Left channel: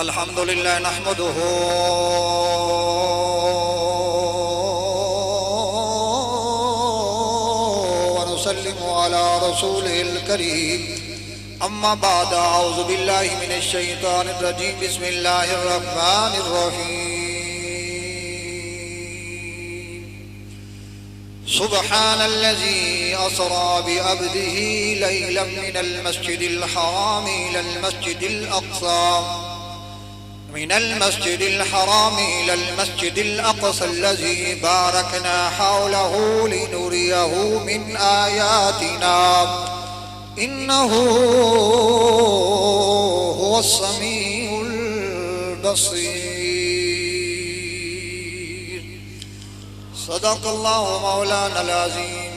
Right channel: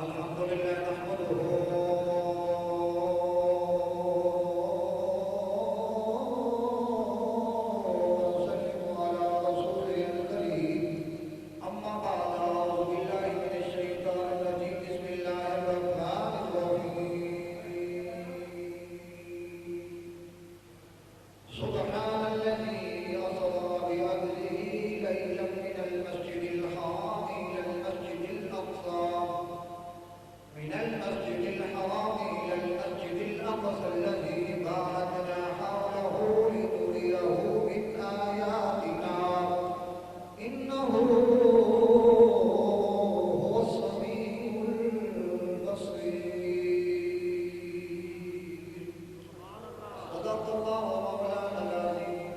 الحمد لله نحمده ونسلم على رسوله الكريم أما بعد أعوذ بالله من الشيطان الرجيم بسم الله الرحمن الرحيم سبحان الذي أسرى بعبده ليلا من المسجد الحرام إلى المسجد الأقصى من المسجد الحرام إلى المسجد الأقصى الذي باركنا حوله لنريه من آياتنا إنه هو السميع البصير صدق الله مولانا العظيم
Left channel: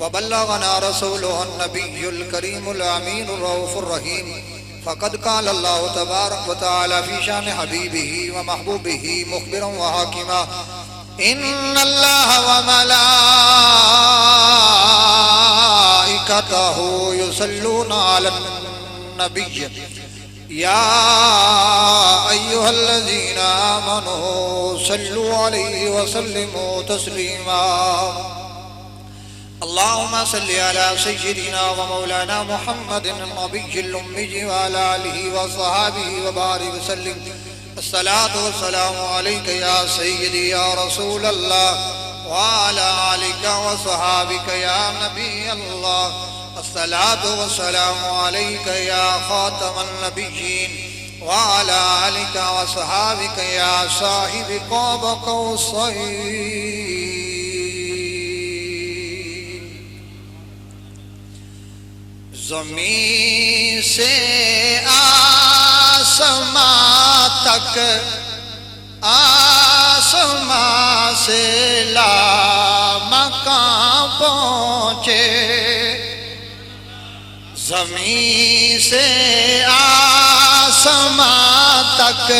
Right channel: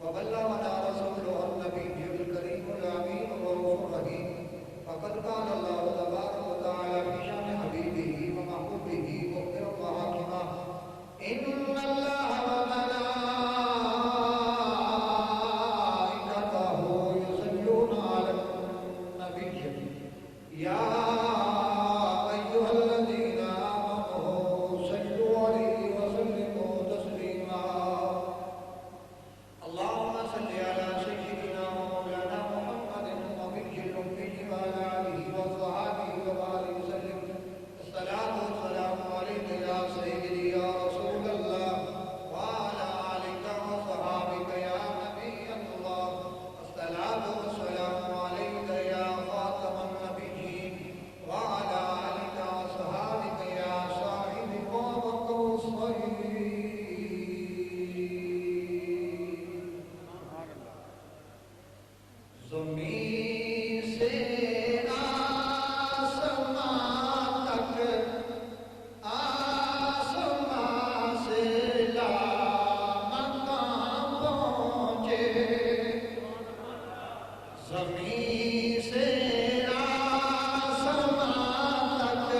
وبلغنا رسوله النبي الكريم الأمين الرؤوف الرحيم فقد قال الله تبارك وتعالى في شان حبيبه ومحبوبه مخبرا وحاكما إن الله وملائكته يصلون على النبي يا أيها الذين آمنوا صلوا عليه وسلموا تسليما اللهم صل على سيدنا ومولانا محمد النبي الأمي وعلى آله وصحبه وبارك وسلم الصلاة والسلام عليك يا سيدي يا رسول الله وعلى آلك وصحابك يا نبي الله الصلاة والسلام عليك يا خاتم النبيين وعلى آلك وصحابك يا صاحب قاب قوسين زمین سے آسمان تک آسمان سے لامکان پہنچے زمین سے آسمان تک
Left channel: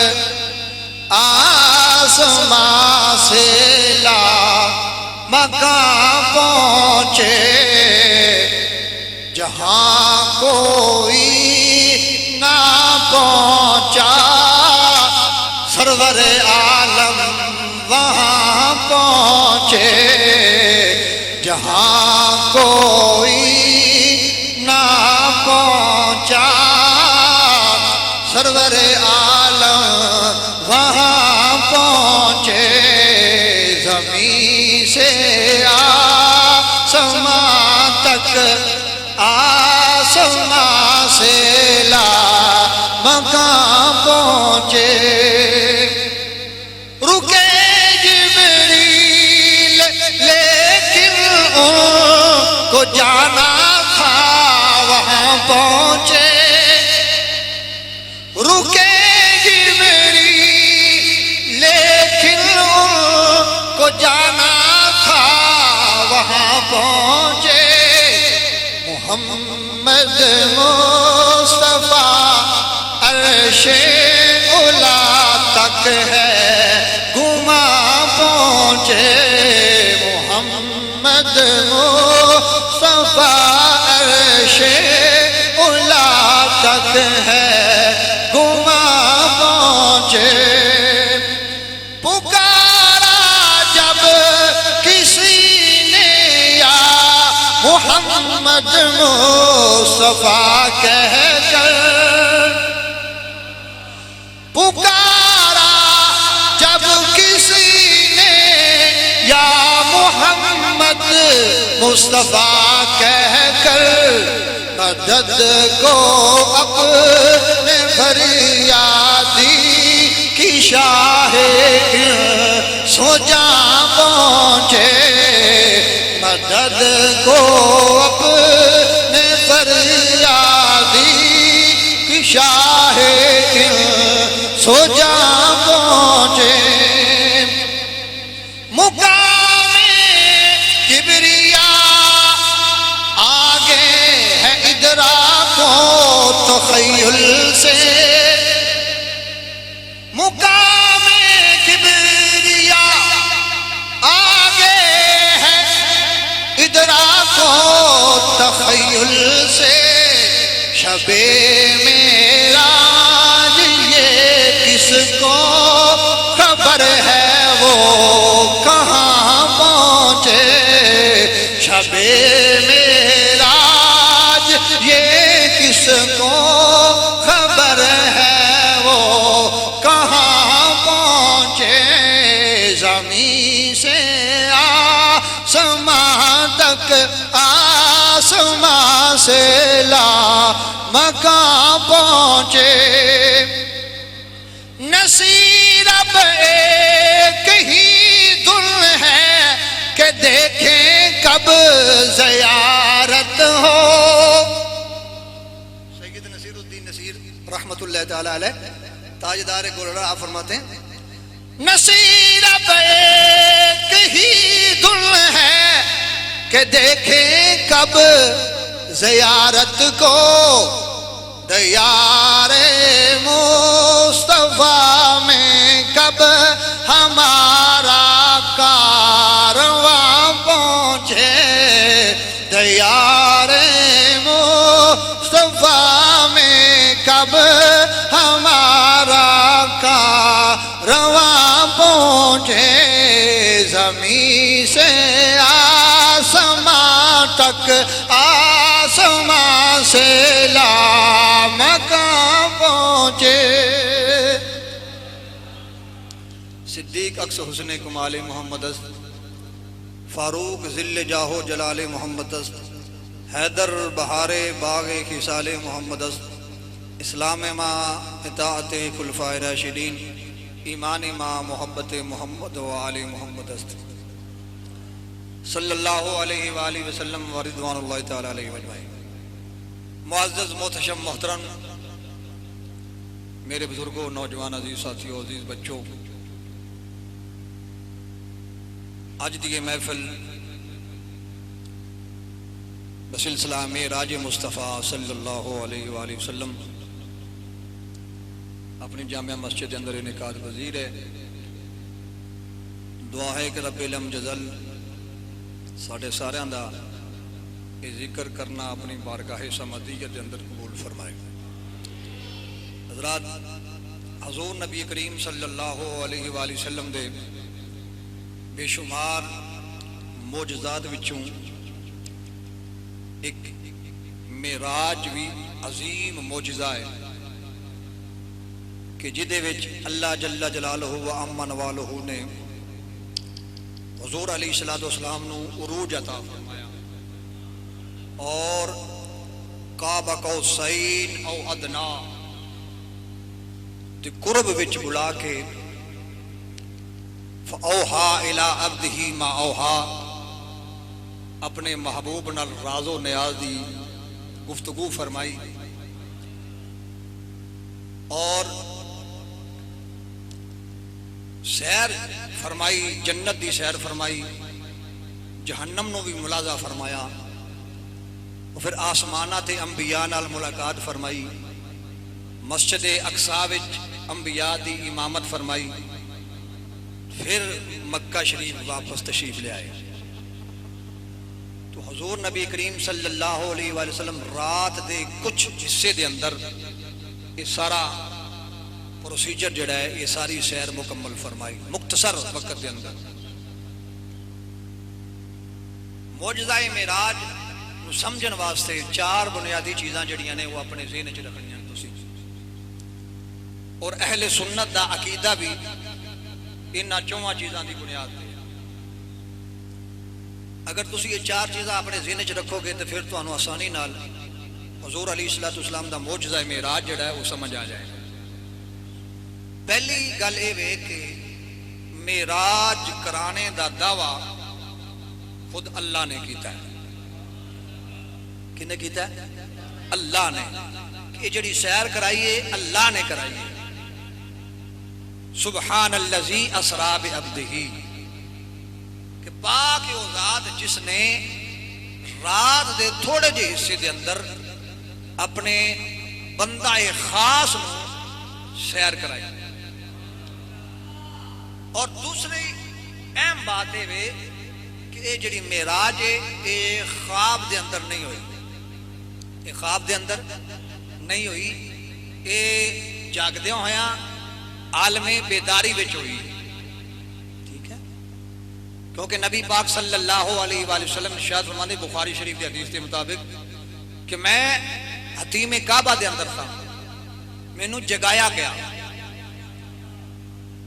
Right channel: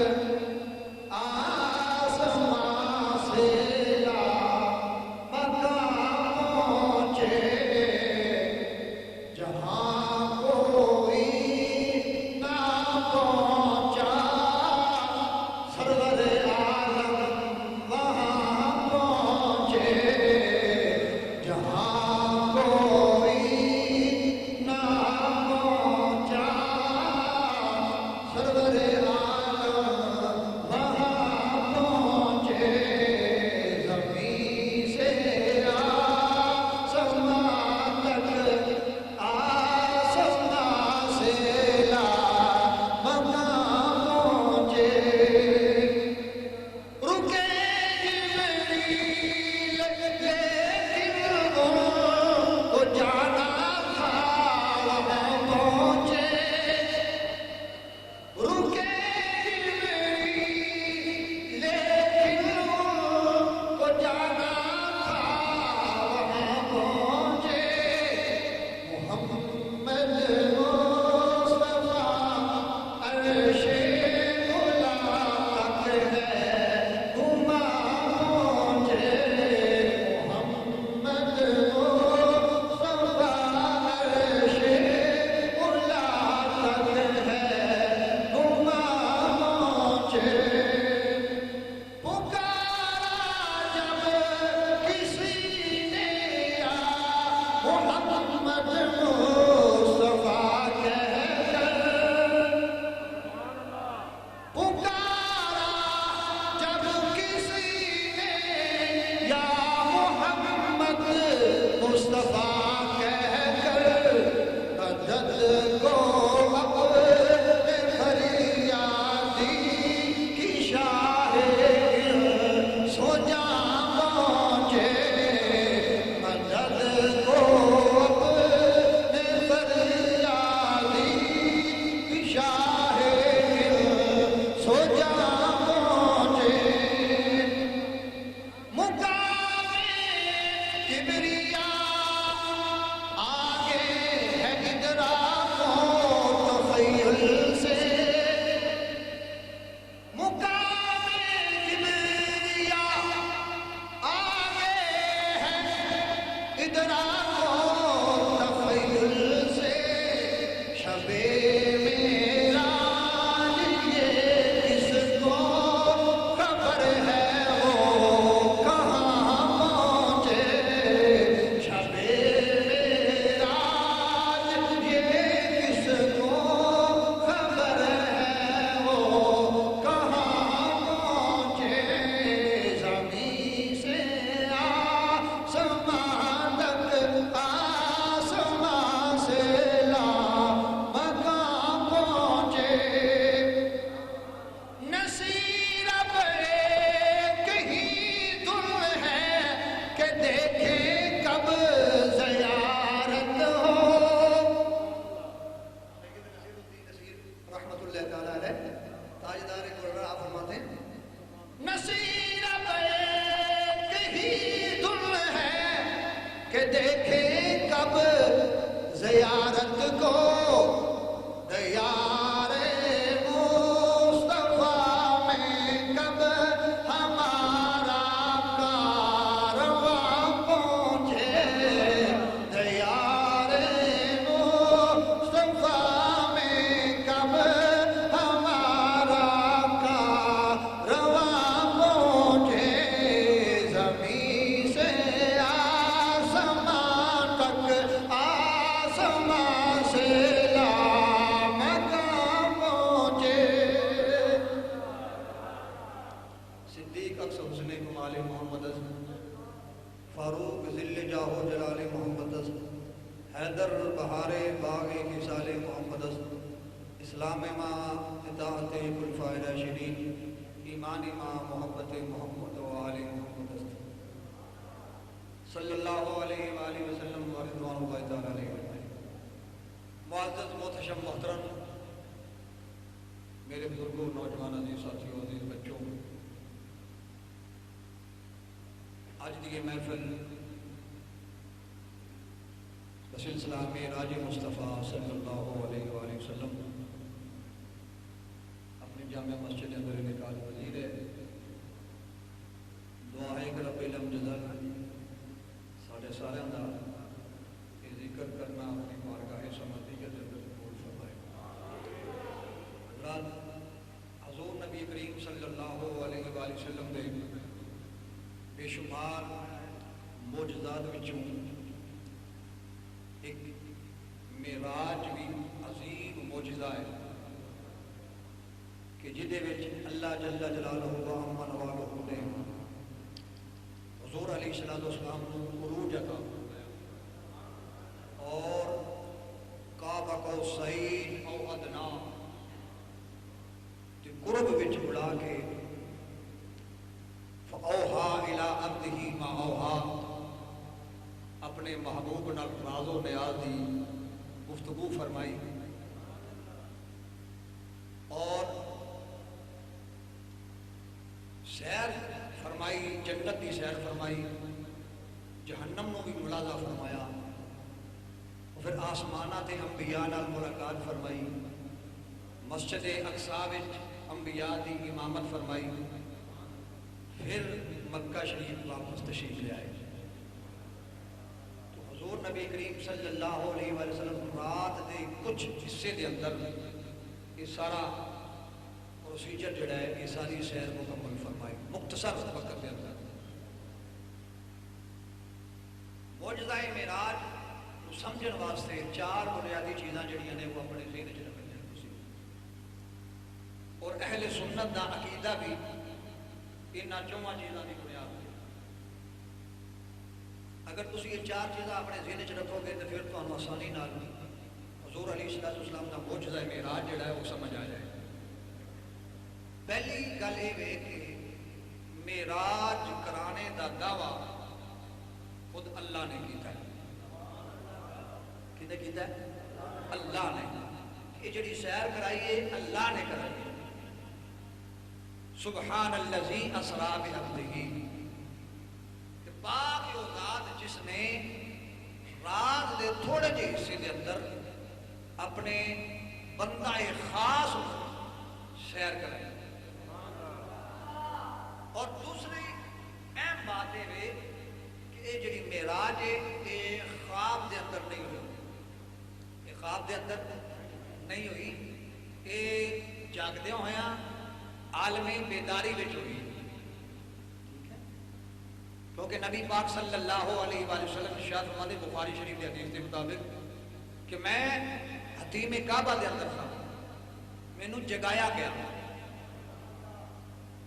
آسمان سے لامکان پہنچے جہاں کوئی نہ پہنچا سرور عالم وہاں پہنچے جہاں کوئی نہ پہنچا سرور عالم وہاں پہنچے زمین سے آسمان تک آسمان سے لامکان پہنچے رکے جبریل لیکن ان کو جانا تھا وہاں پہنچے رکے جبریل لیکن ان کو جانا تھا وہاں پہنچے محمد مصطفیٰ عرش اولا تک ہے گما پہنچے محمد مصطفیٰ عرش اولا تک ہے گما پہنچے پکارا جب کسی نے یا محمد مصطفیٰ کہہ کر پکارا جب کسی نے یا محمد مصطفیٰ کہہ کر مدد کو اپنے فریادی کی شاہ سو جا پہنچے مدد کو اپنے فریادی کی شاہ سو جا پہنچے مقام کبریا آگے ہے ادراک و تخیل سے مقام کبریا آگے ہے ادراک و تخیل سے شب معراج یہ اللہ تعالیٰ علیہ تاجدار گلرا آپ فرماتے ہیں نصیرت ایک ہی دل ہے کہ دیکھیں کب زیارت کو دیار مصطفیٰ میں کب ہمارا کارواں پہنچے دیار مصطفیٰ میں کب ہمارا کارواں پہنچے زمین سے آسمان تک آسمان سے لامکاں پہنچے صدیق اکس حسن کمال محمد است فاروق ذل جاہو جلال محمد است حیدر بہار باغ خصال محمد است اسلام ما اطاعت خلفائے راشدین ایمان ما محبت محمد و آل محمد است صلی اللہ علیہ وآلہ وسلم و رضوان اللہ تعالی علیہ وآلہ. معزز محتشم محترم میرے بزرگوں، نوجوان عزیز ساتھیوں، عزیز بچوں، آج دی محفل بسلسلہ معراج مصطفیٰ صلی اللہ علیہ وآلہ وسلم اپنی جامعہ مسجد اندر انعقاد پذیر ہے. دعا ہے کہ رب علم جزل ساڑھے ساریاں دا یہ ذکر کرنا اپنی بارگاہ سمدیت کے اندر قبول فرمائے. حضرات، حضور نبی کریم صلی اللہ علیہ وآلہ وسلم دے بے شمار معجزات وچوں ایک معراج بھی عظیم معجزہ ہے کہ جدے وچ اللہ جل جلالہ و عم نوالہ نے حضور علیہ السلام نو عروج عطا فرمایا اور قاب قوسین او ادنا تے قرب وچ بلا کے فاوحا الی عبدہ ما اوحا اپنے محبوب نال راز و نیاز دی گفتگو فرمائی اور سیر فرمائی، جنت دی سیر فرمائی، جہنم نو بھی ملاحظہ فرمایا اور پھر آسمانات انبیاء نال ملاقات فرمائی، مسجد اقصی وچ انبیاء دی امامت فرمائی، پھر مکہ شریف واپس تشریف لے آئے. تو حضور نبی کریم صلی اللہ علیہ وآلہ وسلم رات دے کچھ حصے دے اندر یہ سارا پروسیجر جڑا ہے، یہ ساری سیر مکمل فرمائی مختصر وقت دے اندر. معجزہ معراج نو سمجھن واسطے چار بنیادی چیزاں جڑیاں نے وہ اپنے ذہن وچ رکھنیاں تسی، اور اہل سنت دا عقیدہ بھی انہاں چواں چیزاں دی بنیاد تے. اگر تسی یہ چار چیزاں اپنے ذہن وچ رکھو گے تو پھر تانوں آسانی نال حضور علیہ السلام دا معجزہ معراج جڑا ہے وہ سمجھ آ جائے. پہلی گل یہ ہے کہ معراج کرانے دا دعویٰ خود اللہ نے کیتا ہے. کنے کیتا ہے؟ اللہ نے. کہ جڑی سیر کرائی ہے اللہ نے کرائی ہے. سبحان الذی اسری بعبدہ، کہ پاک وہ ذات جس نے رات دے تھوڑے جے حصے دے اندر اپنے بندہ خاص سیر کرائی. اور دوسری اہم بات ہے کہ یہ جڑی معراج ہے یہ خواب دے اندر نہیں ہوئی، یہ خواب دے اندر نہیں ہوئی، یہ جاگدے ہویا عالم بیداری وچ ہوئی. ٹھیک ہے، کیونکہ نبی پاک صلی اللہ علیہ وآلہ وسلم ارشاد فرماتے بخاری شریف کی حدیث کے مطابق کہ میں حتیم کعبہ دے اندر تھا، مینوں جگایا گیا،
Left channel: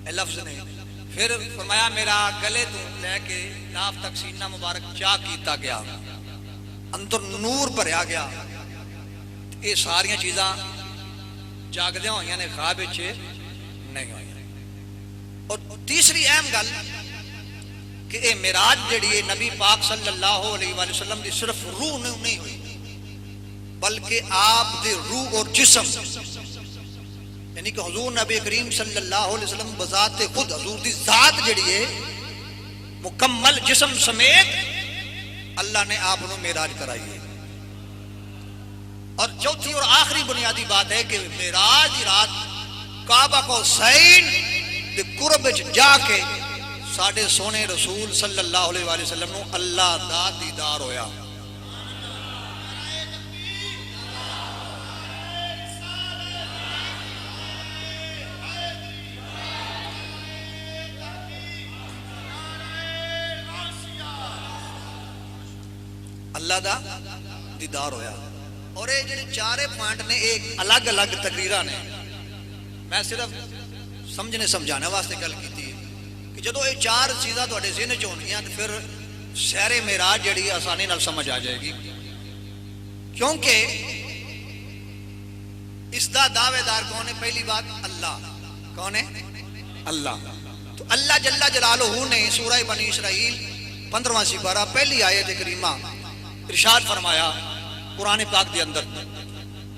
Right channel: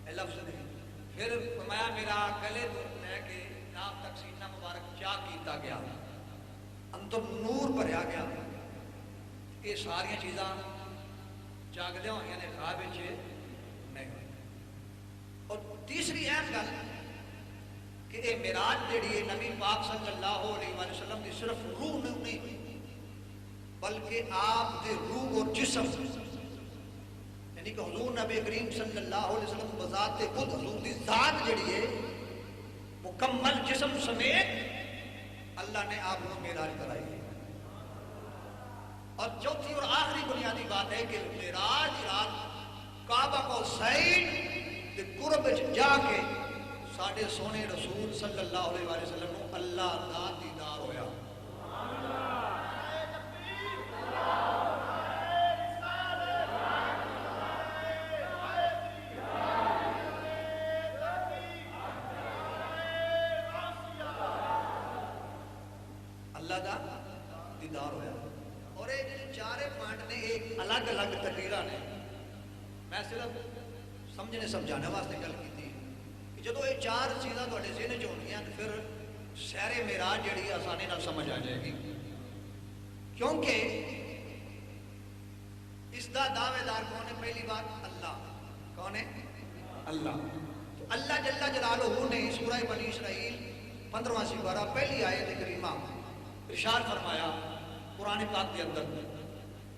اے لفظ نہیں. پھر فرمایا میرا گلے تو لے کے ناف تک سینہ مبارک چاک کیتا گیا، اندر نور بھریا گیا. یہ ساریاں چیزاں جاگدے ہوئی نے، خواب وچ نہیں ہوئی. اور تیسری اہم گل کہ یہ معراج جڑی ہے نبی پاک صلی اللہ علیہ وآلہ وسلم دی صرف روح نہیں ہوئی، بلکہ آپ دے روح اور جسم یعنی کہ حضور نبی کریم صلی اللہ علیہ وسلم بذات خود حضور دی ذات جڑی ہے مکمل جسم سمیت اللہ نے آپ کو معراج کرائی ہے. اور چوتھی اور آخری بنیادی بات ہے کہ معراج کی رات کعبہ کو حسین دے قرب وچ جا کے ساڈے سونے رسول صلی اللہ علیہ وآلہ وسلم نو اللہ دا دیدار ہویا. اللہ دا دیدار ہویا. اور یہ جڑے چارے پوائنٹ نے ایک الگ الگ تقریراں نے، میں صرف سمجھنے سمجھانے واسطے گل کی کہ جدو یہ چار چیزاں تھوڑے ذہن چ ہونگیاں تو پھر سیر معراج جڑی آسانی نال سمجھ آ جائے گی. کیونکہ اس دا دعوے دار کون ہے؟ پہلی بات اللہ. کون ہے؟ اللہ. تو اللہ جل جلالہ نے سورہ بنی اسرائیل 15واں سپارہ پہلی آیت کریمہ ارشاد فرمایا قرآن پاک دے اندر،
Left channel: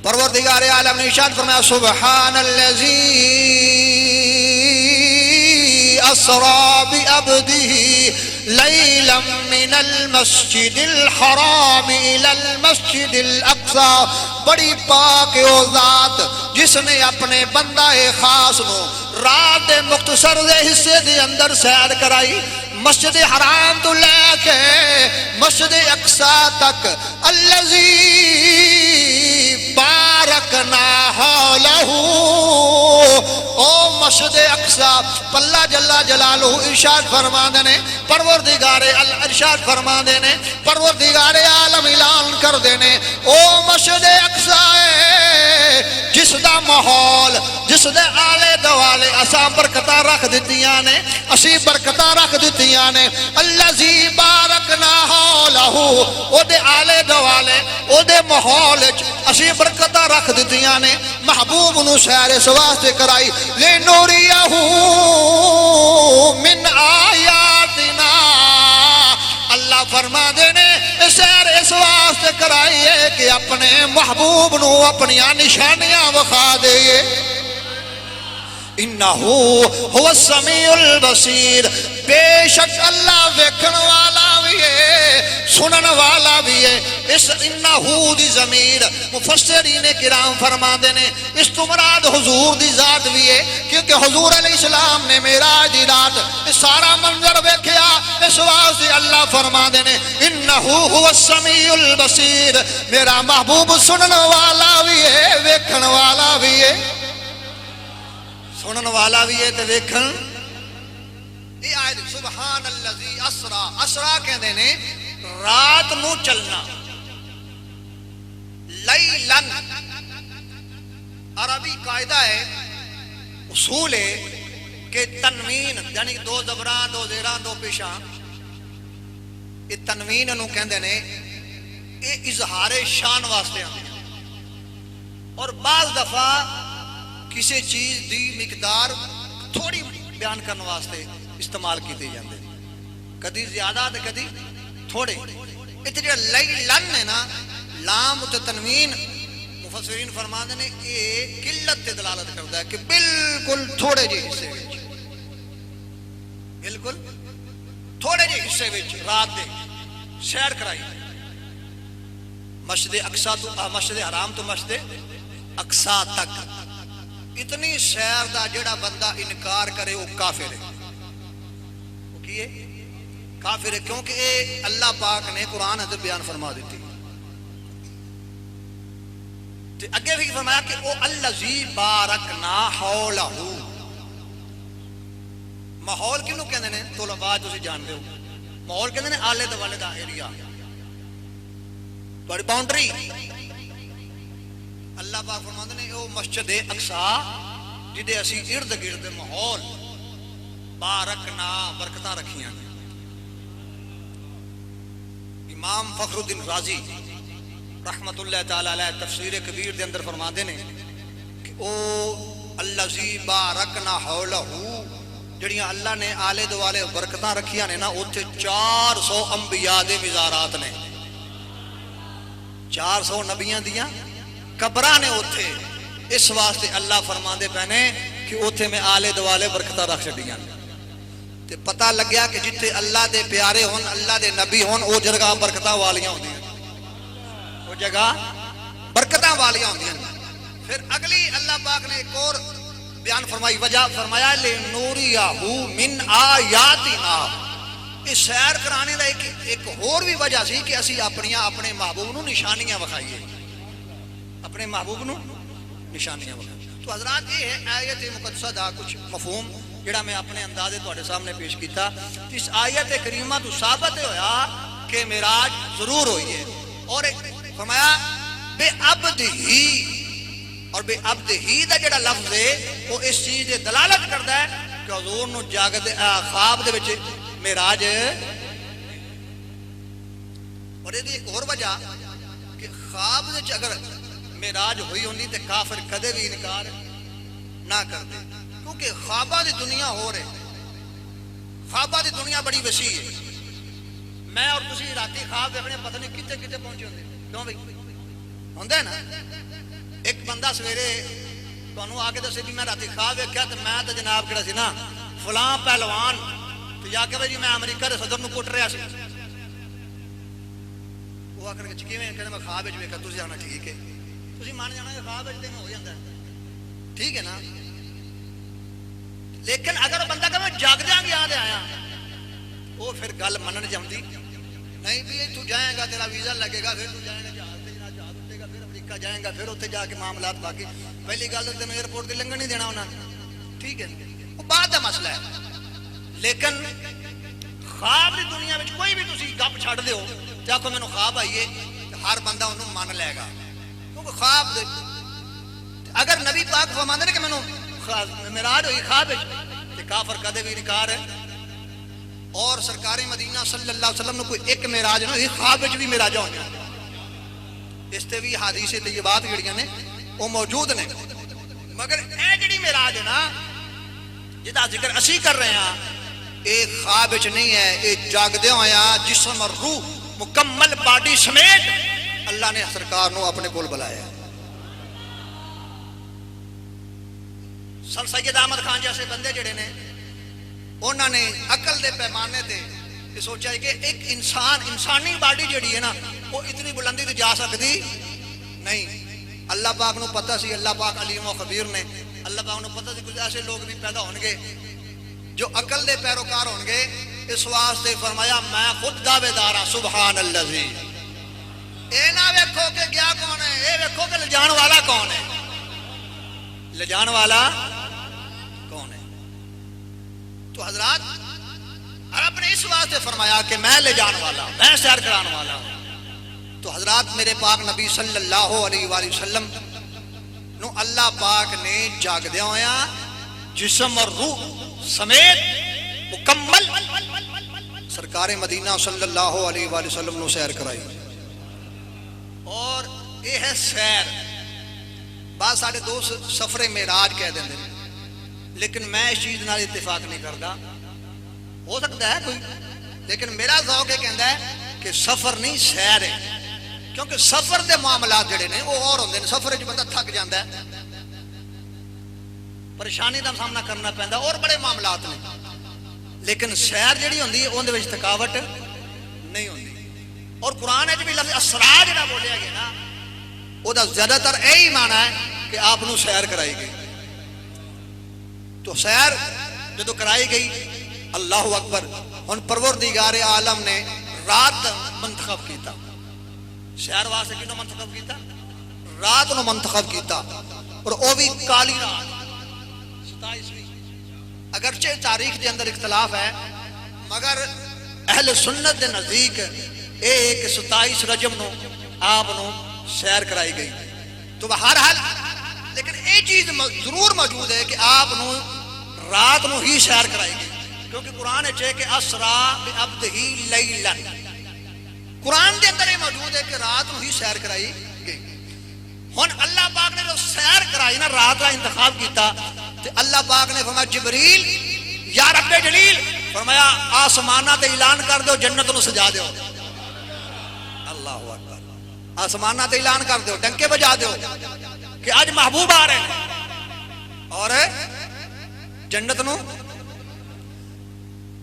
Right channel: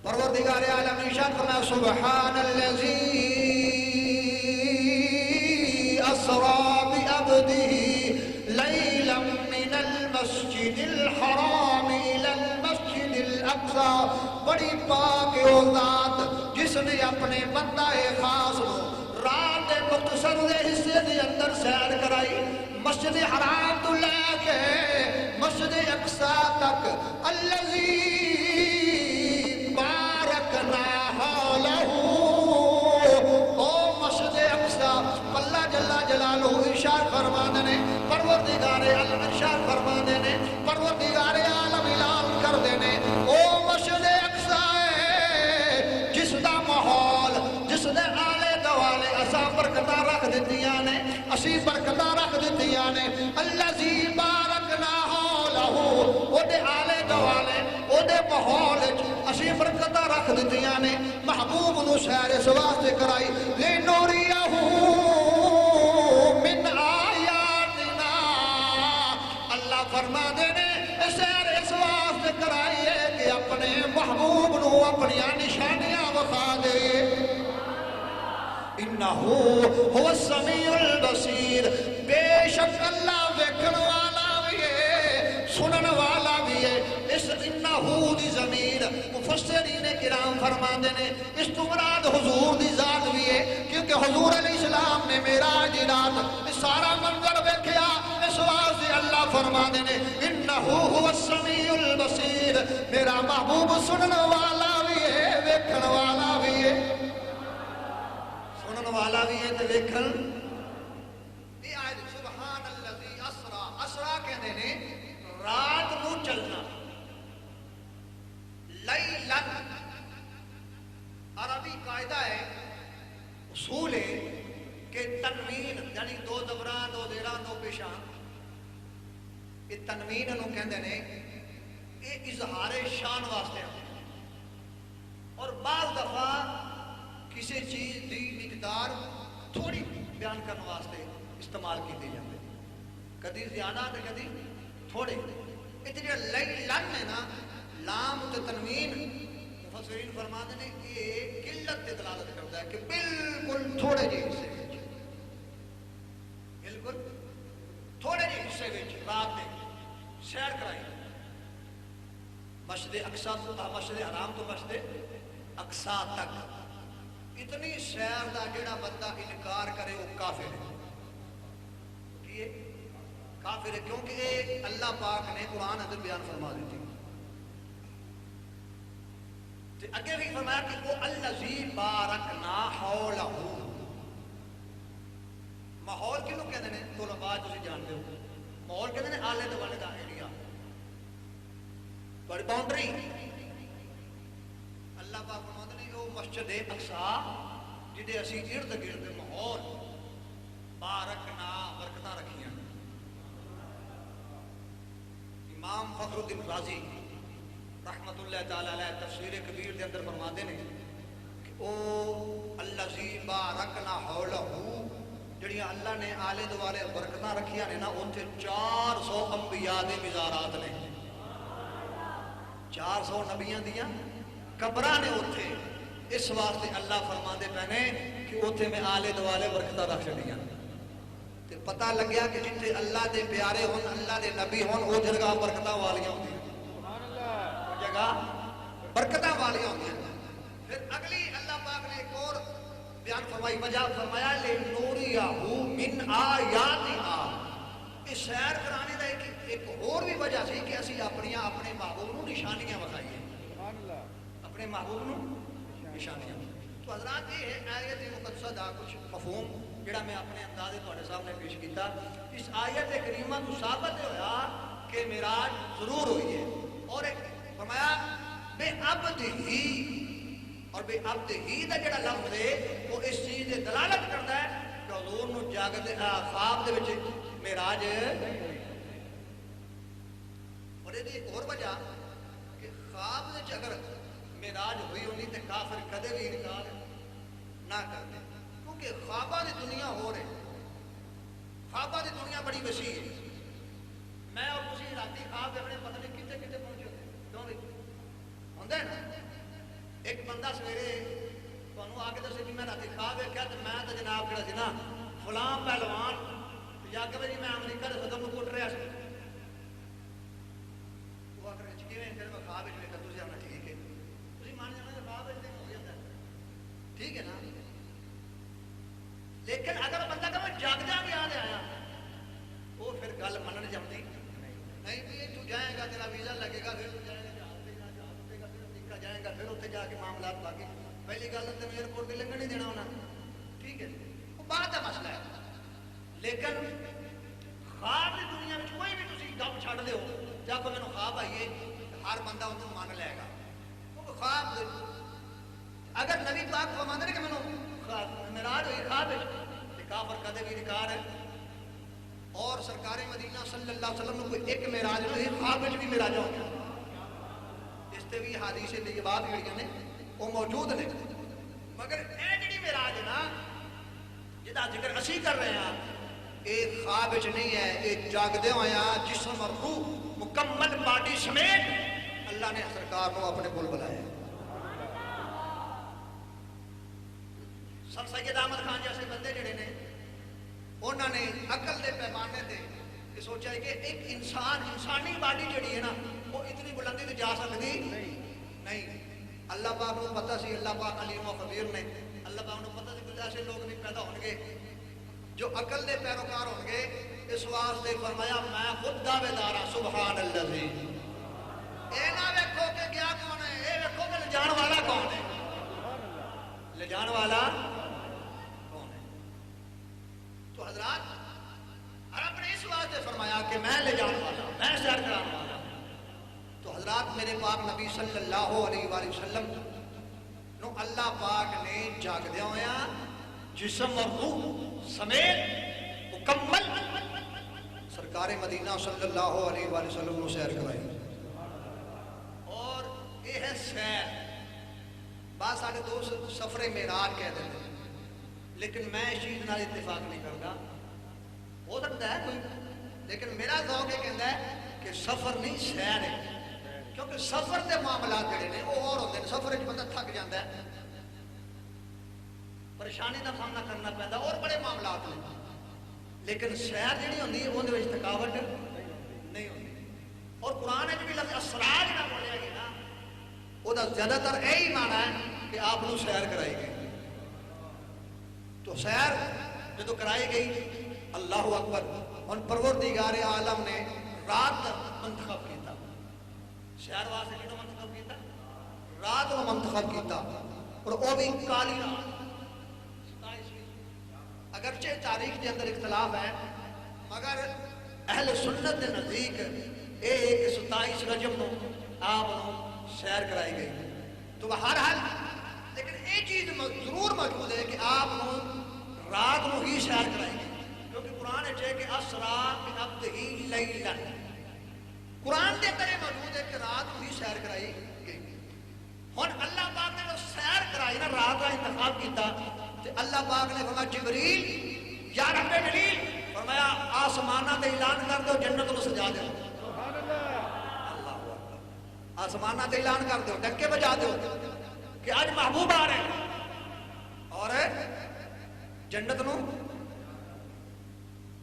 پروردگار عالم نے ارشاد فرمایا سبحان الذی اسرا بعبده لیلا من المسجد الحرام الى المسجد الاقصى. بڑی پاک او ذات جس نے اپنے بندہ خاص نو رات دے مختصر دے حصے دے اندر سیر کرائی مسجد حرام تو لے کے مسجد اقصی تک. الذی بارکنا حولہ، او مسجد اقصی اللہ جل جلالہ ارشاد فرماندے نے پروردگار ارشاد فرماندے نے پروردگار عالم اعلان کر دینے او مسجد اقصی جس دا ماحول جس دے آلے دوالے اساں برکتاں رکھ دتیاں نے، اسی برکتاں رکھ دتیاں نے. الذی بارکنا حولہ، او دے آلے دوالے او دے ماحول وچ اسی برکتاں رکھ دتیاں نے. محبوب نو سیر اس واسطے کرائی لنوریہ من آیاتنا. اللہ فرما دینے سیر اس واسطے کرائیے کہ اپنے محبوب نو اپنی نشانیاں وخا دئیے. انہو هو السمیع البصیر، بے شک اللہ ویکھن والا بھی ہے سنن والا بھی ہے. اس انہو دی ضمیر مفسرین کرام فرما دینے اس تو مراد حضور دی ذات بھی ہے، کیونکہ حضور علیہ السلام نے معراج دی رات سارا منظر ویکھیا. اس واسطے اللہ فرما دینے انہو هو السمیع البصیر، میرا محبوب سنن والا بھی ہے ویکھن والا بھی ہے. سنن والا بھی ہے تو ویکھن. یہ آیت سبحان الذی اسرا، اسرا کہندے نے رات نو چلنا. لیلن عربی قاعدہ ہے اصول ہے کہ تنوین یعنی دو زبراں دو زیراں دو پیشاں یہ تنوین نو کہندے نے یہ اظہار شان واسطے آتے ہیں اور بعض دفعہ کسی چیز دی مقدار تھوڑی بیان کرنے واسطے استعمال کیتے جاندے ہیں، کدی زیادہ تے کدی تھوڑے. اتنے جو لیلن ہے نا لام تے تنوین مفسرین فرماندے نے یہ قلت تے دلالت کرتا ہے کہ بالکل تھوڑے جے حصے وچ بالکل تھوڑے جے حصے وچ رات دے سیر کرائی. مسجد اقصی تو مسجد حرام تو مسجد اقصی تک اتنی سیر دا جڑا بندہ انکار کرے وہ کافر ہے. وہ کی ہے؟ کافر ہے، کیونکہ اے اللہ پاک نے قرآن اندر بیان فرما دیتی. تے اگے بھی فرمایا کہ وہ الذی بارکنا حولہ. ماحول کنوں کہندے نے طلباء تسی جانتے ہو، ماحول کہندے نے آلے دوالے دا ایریا تہاڈی باؤنڈری. اللہ پاک فرماندے نے وہ مسجد اقصی جدے اسی ارد گرد ماحول بارکنا برکتاں رکھیاں. امام فخر الدین رازی رحمت اللہ تعالی علیہ تفسیر کبیر دے اندر فرماندے نے کہ او الذی بارکنا حولہ جڑیاں اللہ نے آلے دوالے برکتاں رکھیاں نے نا اوتھے 400 انبیاء دے مزارات نے، 400 نبیاں دیاں قبراں نے اوتھے اس واسطے اللہ فرماندے پینے کہ اوتھے میں آلے دوالے برکتاں رکھ چھڈیاں تے پتہ لگیا کہ جتھے اللہ دے پیارے ہون اللہ دے نبی ہون او جگہ برکتاں والیاں ہوندیاں او جگہ برکتاں والیاں ہوندیاں پھر اگلی اللہ پاک نے ایک اور بیان فرمائی وجہ فرمایا لنوریہو من آیاتنا اس سیر کرانے دا ایک اور بھی وجہ سی کہ اسی اپنے محبوب نو نشانیاں وکھائیے اپنے محبوب نو نشانیاں وکھائیے تو حضرات یہ ہے آیت مقدسہ دا کچھ مفہوم جڑا میں اپنے اندازے تواڈے سامنے پیش کیتا اس آیت کریمہ تو ثابت ہویا کہ معراج ضرور ہوئی ہے اور فرمایا بے عبد ہی اور بے عبد ہی دا جڑا لفظ ہے وہ اس چیز دے دلالت کرتا ہے کہ حضور نو جاگدے خواب دے وچ معراج اور یہ ایک اور وجہ کہ خواب دے اگر معراج ہوئی ہوندی تے کافر کدے بھی انکار نہ کرتے کیونکہ خوابہ دی دنیا ہو رہے خوابہ دی دنیا بڑی وسیع ہے میں اور تسی راتی خواب دیکھنے پتہ نہیں کتے کتے پہنچے ہوندے کیوں بھائی ہوندے نا ایک بندہ سویرے تانوں آ کے دسے بھی میں راتی خواب ویکھیا تے میں تے جناب کہڑا سی نا فلاں پہلوان تو یا کہ بھائی میں امریکہ دے صدر نو کٹ رہا سی وہ آ کر کے کیویں کہندا میں خواب وچ ویکھا تسی آنا ٹھیک ہے تسی مان جانا کہ خواب وچ تے ہو جاندا ہے ٹھیک ہے نا لیکن اگر بندہ کہ میں جاگدیاں گیا تے آیا وہ پھر گل منن جاندی نہیں بھی تو جائے گا تیرا ویزا لگے گا پھر تو جائے گا جہاز تے جہاز اٹھے گا پھر امریکہ جائے گا پھر اوتھے جا کے معاملات باقی پہلی گل تے ایئرپورٹ تے لنگن نہیں دینا انہاں نے ٹھیک ہے وہ بعد دا مسئلہ ہے لیکن خواب دی دنیا میں کوئی بھی تسی گپ چھڑ دیو تے آکھو مینوں خواب آئیے ہر بندہ انہوں مان لے گا کیونکہ خواب اگر نبی پاک فرماندے نے کہ مینوں معراج ہوئی خواب تے کافر کدے بھی انکار ہے اور سرکار مدینہ صلی اللہ علیہ وسلم نے کوئی ایک معراج نہ خواب وچ بھی معراج ہو جائے اس تے بھی حدیث طیبات جڑیاں نے وہ موجود نے مگر اے جڑی معراج ہے نا جدا ذکر اسی کر رہے ہیں اے خواب وچ نہیں ہے اے جاگدے ہویا جسم اور روح مکمل باڈی سمیت اللہ نے سرکار نو اپنے کول بلایا سر سید احمد خان جیسے بندے جڑے نے انہوں نے عقل دے پیمانے تے یہ سوچا ہے کہ ایک انسانی باڈی جڑی ہے نا وہ اتنی بلندی تے جا سکتی نہیں اللہ پاک نو پتہ سی اللہ پاک علیم و خبیر نے اللہ پاک نو پتہ سی کچھ ایسے لوگ بھی پیدا ہون گے جو عقل دے پیروکار ہون گے اس واسطے فرمایا میں خود دعوے دار ہاں سبحان اللذی اے نہ ویکھو کہ گیا کون ہے اے ویکھو کہ لجان والا کون ہے لجان والا کون ہے تو حضرات رب نے اس واسطے فرمایا کہ میں لے جان والا میں سیر کران والا تو حضرات میرے پاک نبی صلی اللہ علیہ وآلہ وسلم نو اللہ پاک نے جاگدیا ہویا جسم اور روح سمیت مکمل سرکار مدینہ صلی اللہ علیہ وآلہ وسلم نو سیر کرائی اور یہ ہے سیر بعض ساڑھے دوست سفر معراج کہہ دیں لیکن میں اس چیز نال اتفاق نہیں کرتا ہو سکتا ہے کوئی لیکن میرا ذوق یہ کہتا ہے کہ سفر نہیں سیر ہے کیونکہ سفر دے معاملات جڑے نے وہ اور ہوندے نے سفر وچ بندہ تھک جاندا ہے پریشانی دا سامنا کرنا پیندا اور بڑے معاملات نے لیکن سیر جڑی ہوندی ہے اون دے وچ تھکاوٹ نہیں ہوندی اور قرآن وچ بھی لفظ اسرا جڑا بولیا گیا نا او دا زیادہ تر یہی معنی ہے کہ آپ نو سیر کرائی گئی تو سیر جدو کرائی گئی اللہ اکبر ہن پروردگار عالم نے رات منتخب کیتا سیر واسطے کینو منتخب کیتا رات نو منتخب کیتا اور او بھی کالی رات 27ویں اگرچہ تاریخ دے اندر اختلاف ہے مگر اہل سنت دے نزدیک اے کہ 27 رجب نو آپ نو سیر کرائی گئی تو بہرحال لیکن یہ چیز ضرور موجود ہے کہ آپ نو رات نو ہی سیر کرائی گئی کیونکہ قرآن ہے کہ اسرا بعبدہ لیلا قرآن دے اندر یہ موجود ہے کہ رات نو ہی سیر کرائی گئی ہن اللہ پاک نے جو سیر کرائی نا رات کا انتخاب کیتا تو اللہ پاک نے فرمایا جبریل یا رب جلیل فرمایا آسمانہ تے اعلان کر دو جنت نو سجا دیو آسمانہ تے اعلان کر دو ڈنکے بجا دو کہ اج محبوب آ رہے ہیں اور جنت نو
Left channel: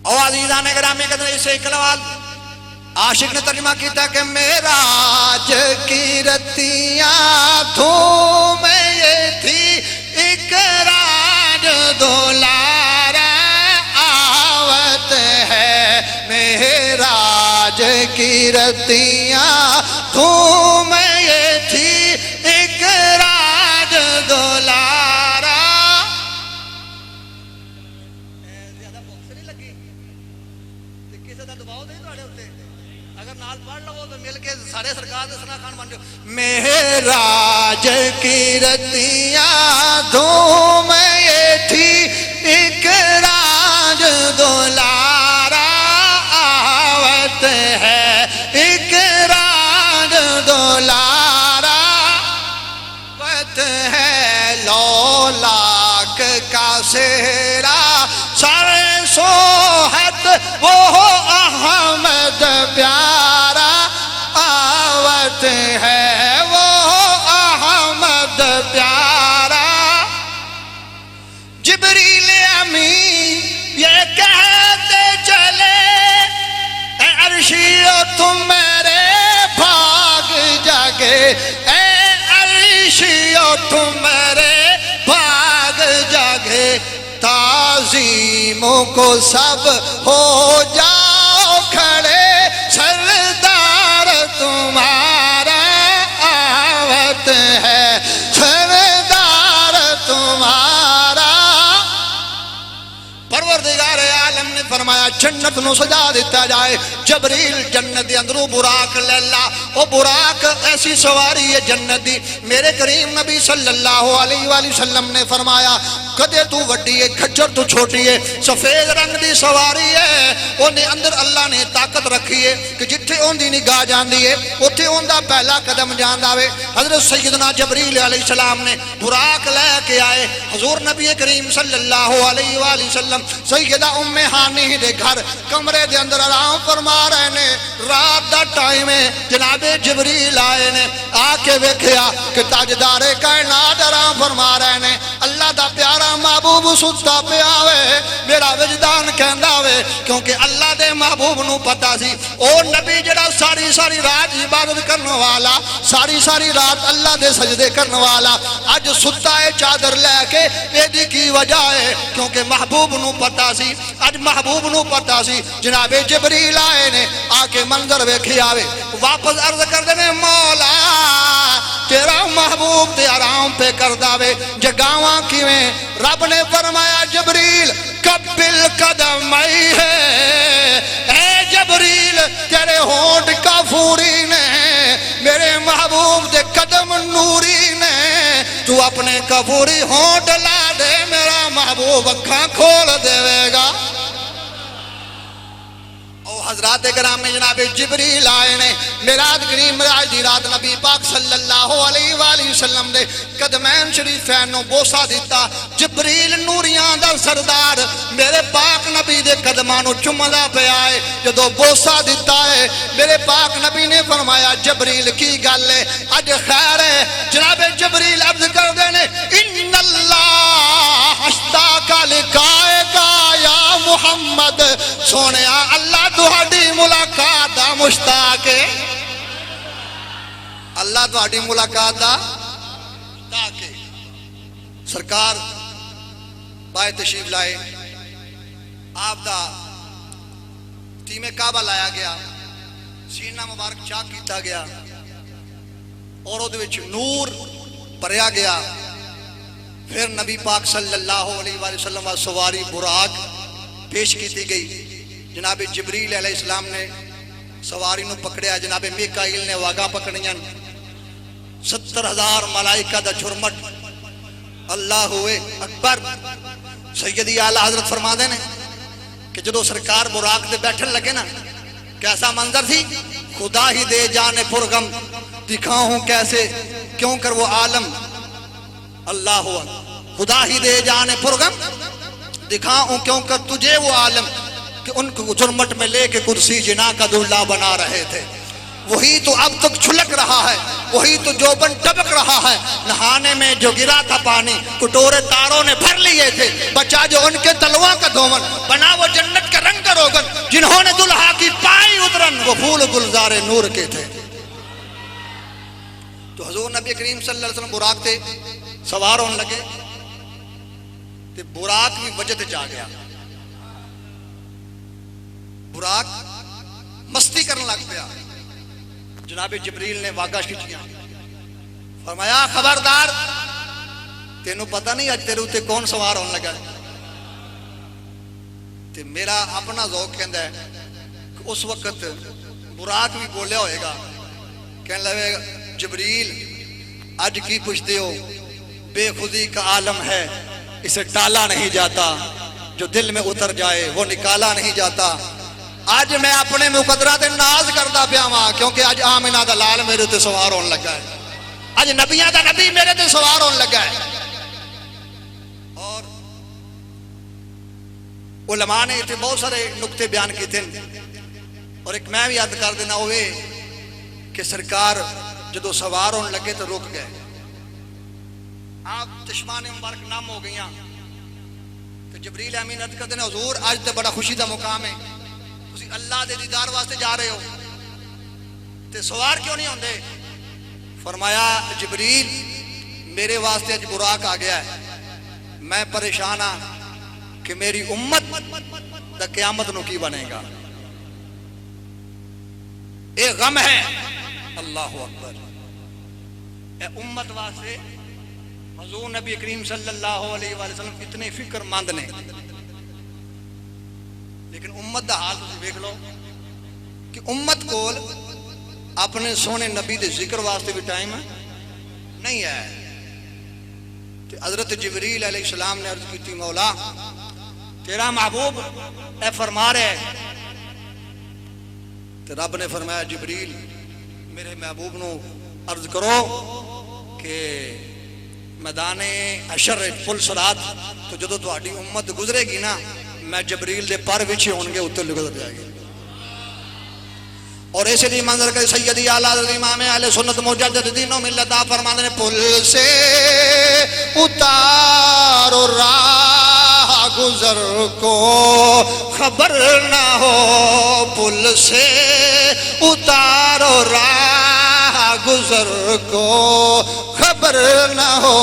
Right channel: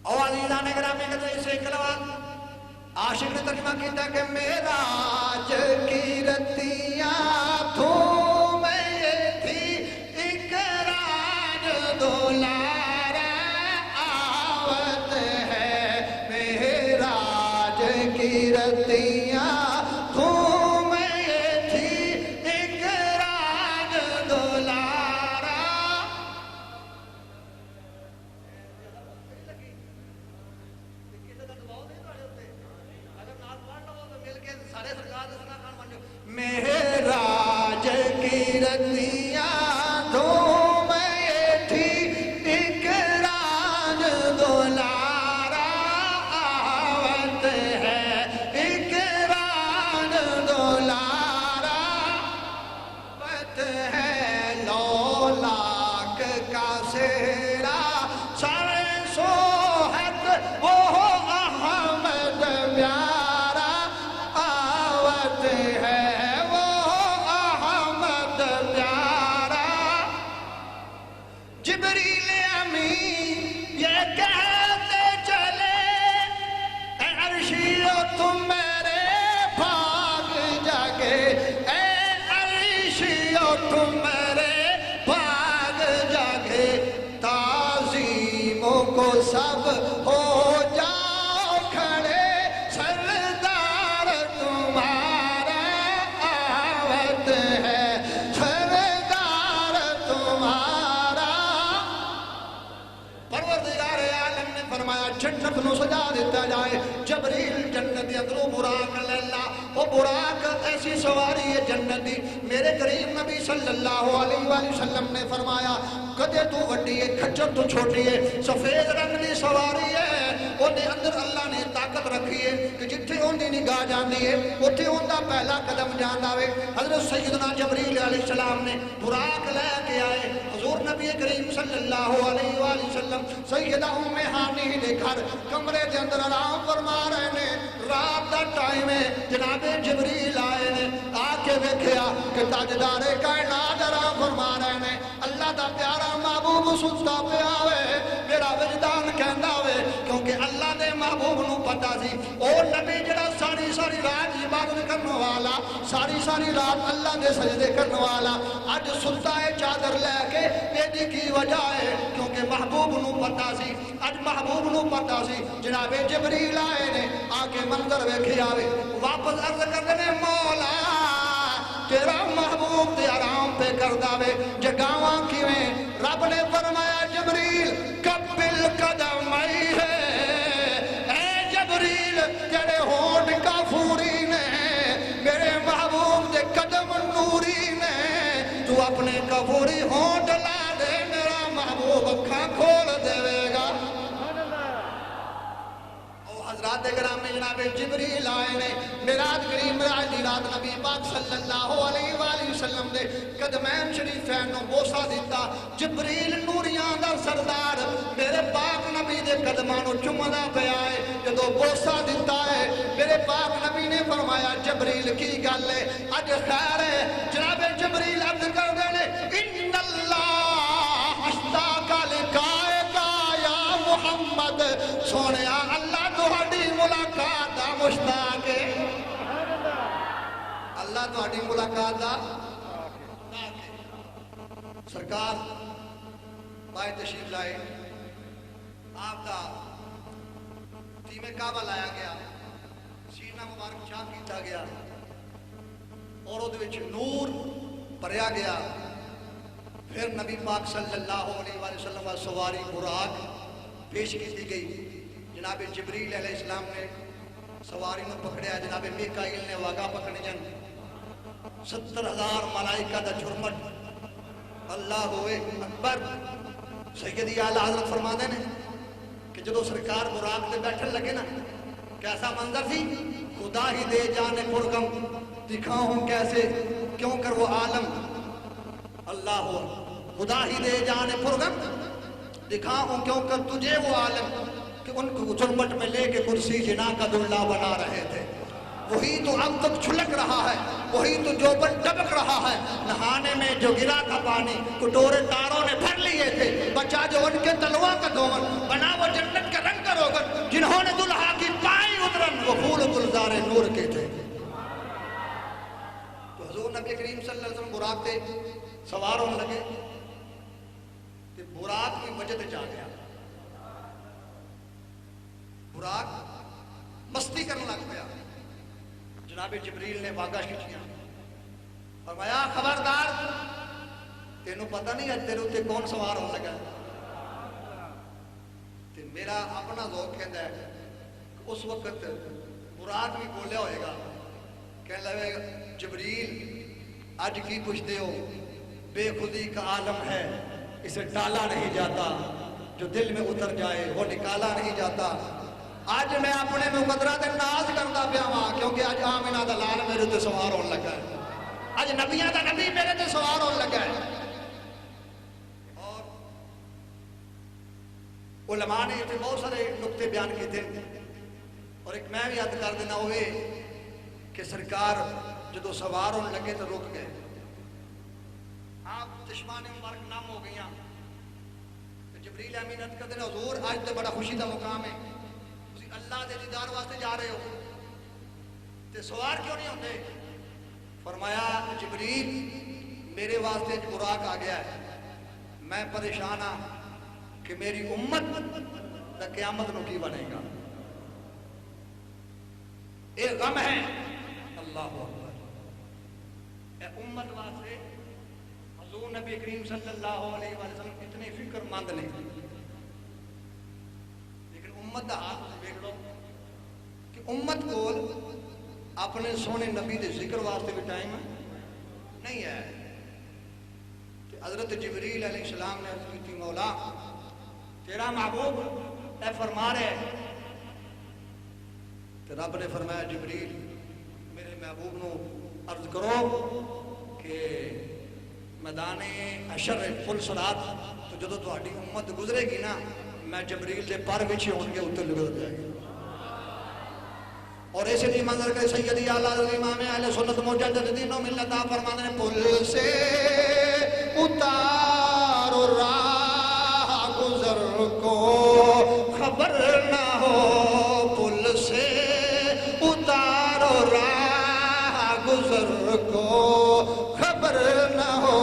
او عزیزان گرامی قدر اسے اقلوال عاشق نے ترجمہ کیتا کہ معراج کی رتیاں دھوم یہ تھی اقراج دولارا آوت ہے معراج کی رتیاں دھوم یہ تھی اقراج دولارا زیادہ بوکس نہیں لگی کسی دا دباؤ نہیں تواڈے اوتے اگر نال پڑھ لو تو مل کے سارے سرکار دے ثنا خان بن جاؤ معراج کی رتیاں دھوم یہ تھی اقراج دولارا آوت ہے اقراج دولارا آوت ہے لو لاکھ کا سہرا سر سوحت وہ احمد پیارا آوت ہے وہ احمد پیارا جبریل امین یہ کہتے چلے اے عرشیو تم میرے بھاگ جاگے اے عرشیو تم میرے بھاگ جاگے تعظیموں کو سب ہو جاؤ کھڑے سردار تمہارا آوت ہے سردار تمہارا پروردگار عالم نے فرمایا جنت نو سجا دیتا جائے جبریل جنت دی اندروں براق لیلا وہ براق ایسی سواری ہے جنت دی میرے کریم نبی صلی اللہ علیہ وآلہ وسلم نے فرمایا کدے تو وڈی ہے کھچر تو چھوٹی ہے سفید رنگ دی سواری ہے انہیں اندر اللہ نے طاقت رکھی ہے کہ جتھے ان دی نگاہ جاندی ہے اتھے ان دا پہلا قدم جاندہ ہوئے حضرت سیدنا جبریل علیہ السلام نے براق لے کے آئے حضور نبی کریم صلی اللہ علیہ وآلہ وسلم سیدہ ام ہانی دے گھر کمرے دے اندر آرام فرما رہے نے رات دا ٹائم ہے جناب جبریل آئے نے آ کے ویکھیا کہ تاجدار کائنات آرام فرما رہے نے اللہ دا پیارا محبوب ستا پہ آوے میرا وجدان کہندا ہوئے کیونکہ اللہ دے محبوب نو پتا سی او نبی جڑا ساری ساری رات عبادت کرنے والا ساری رات اللہ دے سجدے کرنے والا اج ستا ہے چادر لے کے ایدی کی وجہ ہے کیونکہ محبوب نو پتا سی اج محبوب نو پتا سی جناب جبریل آئے نے آ کے منظر ویکھی آوے واپس عرض کر دینے مولا تیرا محبوب تے آرام پہ کر داوے جگاواں کیویں رب نے فرمایا جبریل قبل قدم آئی ہے اے جبریل تیرے ہونٹ کافوری نے میرے محبوب دے قدم نوری نے تو اپنے کافوری ہونٹ لا دے میرا محبوب اکھاں کھول دے گا حضرات کرام میں جناب جبریل آئے نے میراج کریم معراج دی رات نبی پاک صلی اللہ علیہ وآلہ وسلم دے قدمین شریفین نو بوسا دیتا جبریل نوریاں دا سردار میرے پاک نبی دے قدمان نو چملا پہ آئے جدو بوسا دیتا ہے میرے پاک نبی نے فرمایا جبریل کی گل ہے اج خیر ہے جناب جبریل عرض کر دینے ان اللہ اشتاق لکائے گا یا محمد سونیا اللہ تہاڈی ملاقات دا مشتاق ہے اللہ تہاڈی ملاقات دا مشتاق ہے سرکار بائے تشریف لائے آپ دا تیم کعبہ لایا گیا سینہ مبارک چاک کیتا گیا اور وہ وچ نور بھریا گیا پھر نبی پاک صلی اللہ علیہ وآلہ وسلم سواری براق پیش کی گئی جناب جبریل علیہ السلام نے سواری نو پکڑیا جناب میکائیل نے واگا پکڑیاں 70,000 ملائکہ دا جھرمٹ اللہ ہوئے اکبر سیدی اعلیٰ حضرت فرما دے نے کہ جدو سرکار براق دے بیٹھن لگے نا کیسا منظر تھی خدا ہی دے جانے پرغم دکھاؤں کیسے کیوں کر وہ عالم اللہ ہوا خدا ہی دے جانے پرغم دکھاؤں کیوں کر تجھے وہ عالم کہ ان کو جرمٹ میں لے کے کرسی جنا کا دلہ بنا رہے تھے وہی تو اب تک چھلک رہا ہے، وہی تو جوبن ٹبک رہا ہے۔ نہانے میں جو گرا تھا پانی کٹورے تاروں نے بھر لیے تھے، بچا جو ان کے تلوا کا دھومن، بنا وہ جنت کا رنگ کا روغن، جنہوں نے دلہا کی پائی ادرن وہ پھول گلزار نور کے تھے۔ تو حضور نبی کریم صلی اللہ علیہ وسلم براق تے سوار ہونے لگے تے براق بھی وجہ تے جا گیا، براق مستی کرنے لگ پیا۔ جناب جبریل نے واگا کھچیاں، فرمایا خبردار تینوں پتہ نہیں اج تیرے تے کون سوار ہونے لگا ہے۔ تے میرا اپنا ذوق کہندا ہے کہ اس وقت براق بھی بولیا ہوئے گا، کہنے لگے گا جبریل آج کی پوچھتے ہو، بے خودی کا عالم ہے اسے ٹالا نہیں جاتا، جو دل میں اتر جائے وہ نکالا نہیں جاتا۔ آج میں اپنے مقدرات ناز کرتا پیا ہاں، کیونکہ آج آمنہ دا لال میرے تے سوار ہونے لگا ہے، آج نبیاں دا نبی میرے تے سوار ہونے لگا ہے۔ اور علماء نے اتنے بہت سارے نقطے بیان کیے تھے، اور ایک میں بھی یاد کر دینا ہوئے کہ سرکار جدو سوار ہونے لگے تو رک گئے، آپ چشمان مبارک نام ہو گئیاں، تو جبریل امین عرض کرتے ہیں حضور آج تو بڑا خوشی دا مقام ہے، تسی اللہ دے دیدار واسطے جا رہے ہو تے سوار کیوں نہیں ہوندے؟ فرمایا جبریل میرے واسطے اج براق آ گیا ہے، میں پریشان ہاں کہ میری امت دا قیامت نو کی بنے گا، اے غم ہے۔ اللہ اکبر، اے امت واسطے حضور نبی کریم صلی اللہ علیہ وآلہ وسلم اتنے فکر مند نے، لیکن امت دا حال تسی دیکھ لو کہ امت کول اپنے سونے نبی دے ذکر واسطے بھی ٹائم نہیں ہے۔ تو حضرت جبریل علیہ السلام نے عرض کی تھی مولا تیرا محبوب اے فرما رہے، تو رب نے فرمایا جبریل میرے محبوب نو عرض کرو کہ میدان حشر پل صراط تو جدو تہاڈی امت گزرے گی نا، میں جبریل دے پر وچ ہون گے اتنے گزر جائے گی۔ اور ایسے نہیں منظر کہ سیدی اعلیٰ امام اہل سنت مجدد دین و ملت آپ فرماتے ہیں پل سے اتارو راہ گزر کو خبر نہ ہو، پل سے اتارو راہ گزر کو خبر نہ ہو،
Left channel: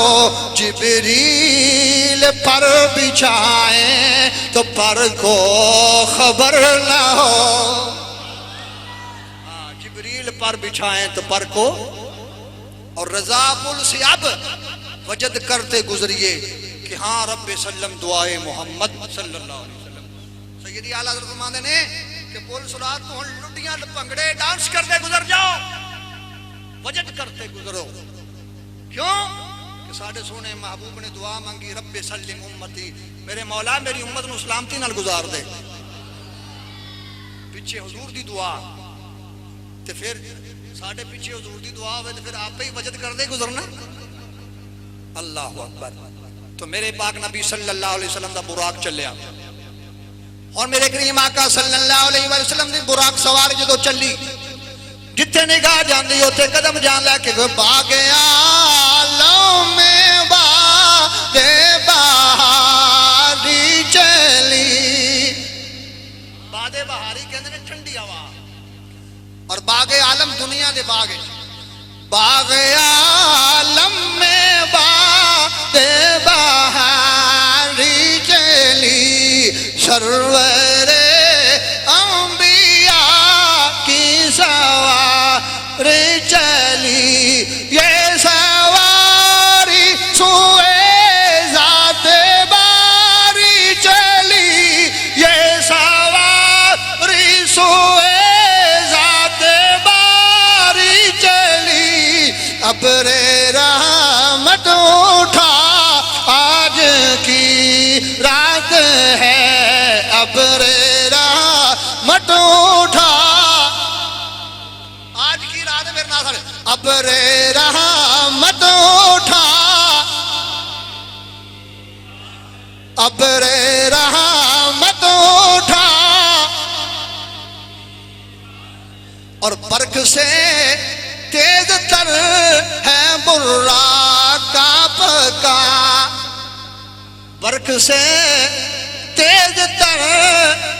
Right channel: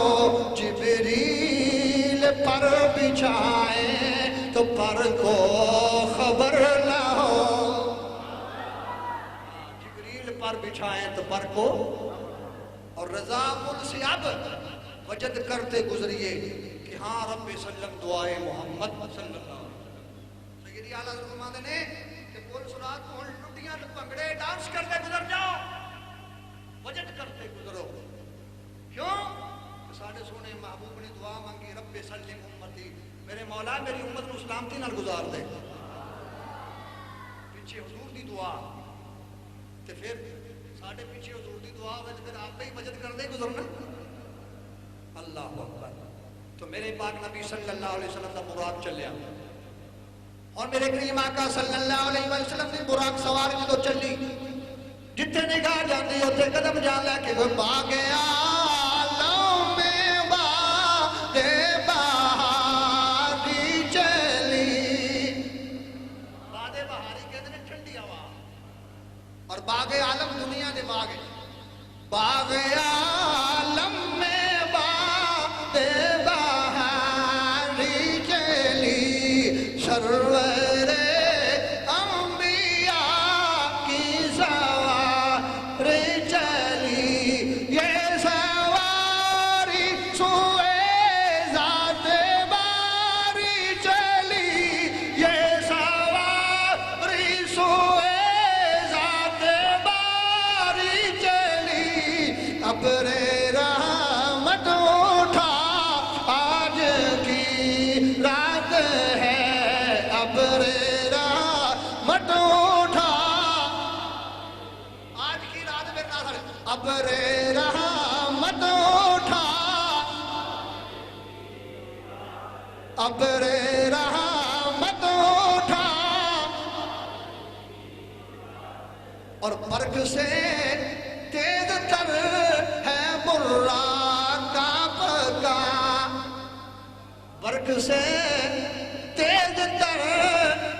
جبریل پر بچھائیں تو پر کو خبر نہ ہو، جبریل پر بچھائیں تو پر کو، اور رضا پل سے اب وجد کرتے گزریے کہ ہاں رب سلم دعائے محمد صلی اللہ علیہ وسلم۔ سیدی اعلیٰ حضرت فرماتے نے کہ پل صراط کو لٹیاں پنگڑے ڈانس کرتے گزر جاؤ، وجد کرتے گزرو، کیوں کہ ساڑھے سونے محبوب نے دعا مانگی رب سلم امتی، میرے مولا میری امت نو سلامتی نال گزار دے، پیچھے حضور دی دعا، تو پھر ساڑھے پیچھے حضور دی دعا ہوئے تو پھر آپ ہی وجد کر دے گزرنا۔ اللہ اکبر۔ تو میرے پاک نبی صلی اللہ علیہ وسلم دا براق چلیا، اور میرے کریم آقا صلی اللہ علیہ وسلم دی براق سوار جدو چلی، جتھے نگاہ جاندی ہوتے قدم جان لے کے باغ عالم میں باد بہاری چلی، باد بہاری کہتے ہیں ٹھنڈی ہوا، اور باغ عالم دنیا دے باغ، باغ عالم میں باد بہاری چلی، سرور انبیاء کی سوار چلی، یہ سواری سوئے ذات باری چلی، یہ سواری سوئے ذات باری چلی، ابر رحمت اٹھا آج کی رات ہے، ابر رحمت اٹھا آج کی رات میرے ناظر، ابر رحمت اٹھا، ابر رحمت اٹھا، اور برق سے تیز تر ہے براق آپ کا، برق سے تیز تر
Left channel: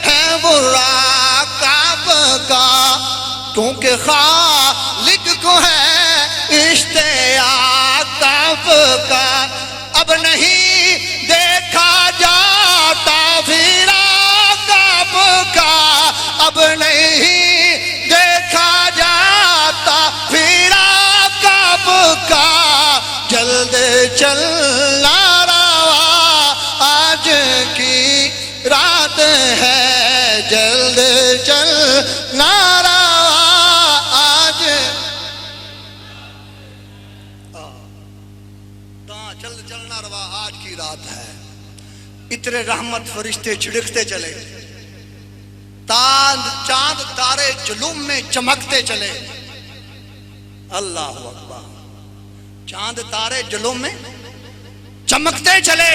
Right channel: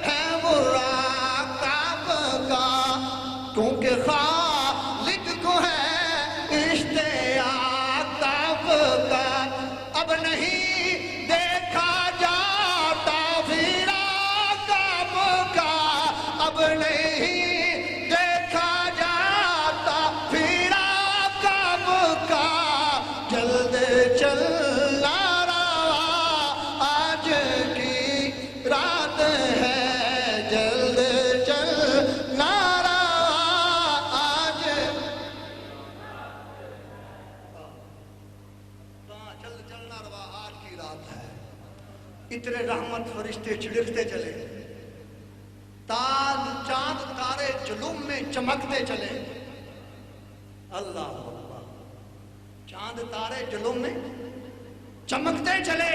ہے براق آپ کا، کیونکہ خالق کو ہے اشتیاق آپ کا، اب نہیں دیکھا جاتا فراق آپ کا، اب نہیں دیکھا جاتا فراق آپ کا، جلد چلنا روا آج کی رات ہے، جلد چلنا روا آج، جلد چلنا روا آج کی رات ہے۔ اتنے رحمت فرشتے چھڑکتے چلے، چاند تارے جلوم میں چمکتے چلے، اللہ اکبر، چاند تارے جلوم میں چمکتے چلے،